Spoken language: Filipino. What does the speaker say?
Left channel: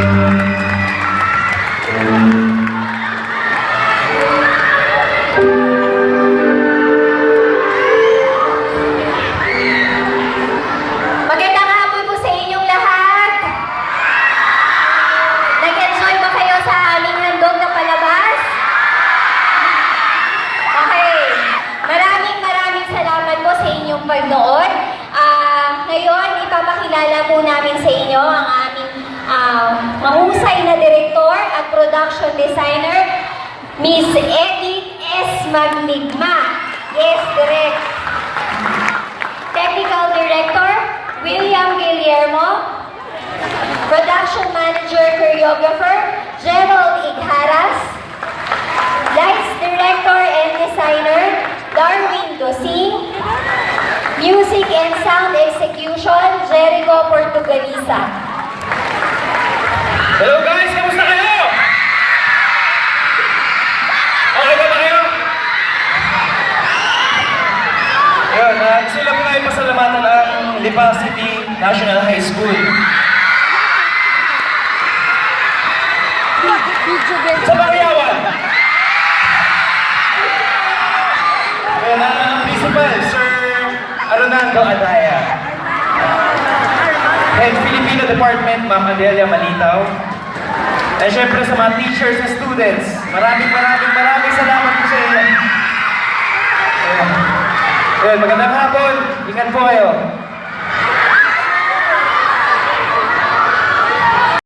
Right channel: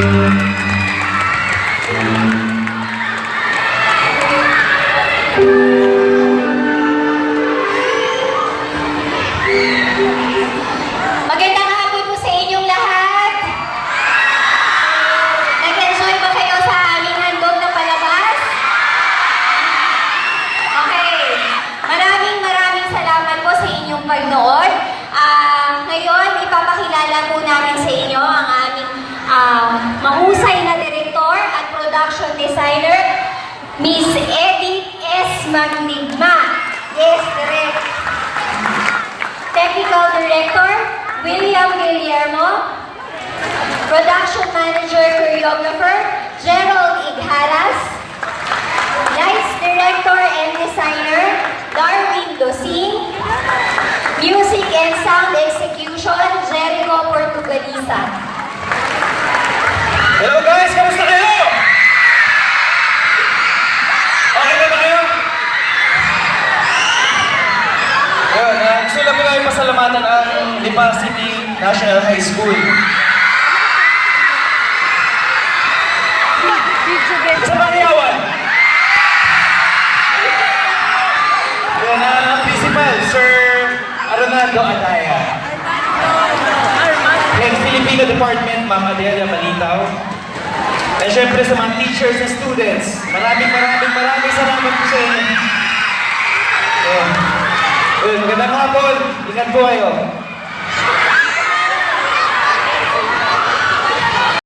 Magandang hapon po sa inyong lahat. Nag-enjoy ba kayo sa aming handog na palabas? Okay. Maraming salamat po sa inyong pagnood. Ngayon, ipapakilala po namin sa inyo ang aming mahusay na direktor at production designer, Miss Edith S. Magnigma. Yes, Direk. Technical Director, William Guillermo. Production Manager, Choreographer, Gerald Igharas. Lights Director and Designer, Darwin Dosing. Music and Sound Execution, Jericho Portugalisa. Hello guys! Kamusta kayo? Okay ba kayo? Yun, gusto lang ko kayo pasalamatan ang Lipa City National High School. Sa Pangyawan! Yun, ang principal, Sir Arnaldo Adaya. Head Filipino Department, Ma'am Adelia Malitaw. At syempre sa mga teachers and students, maraming salamat po sa inyo. Magandang hapon, ingat po kayo.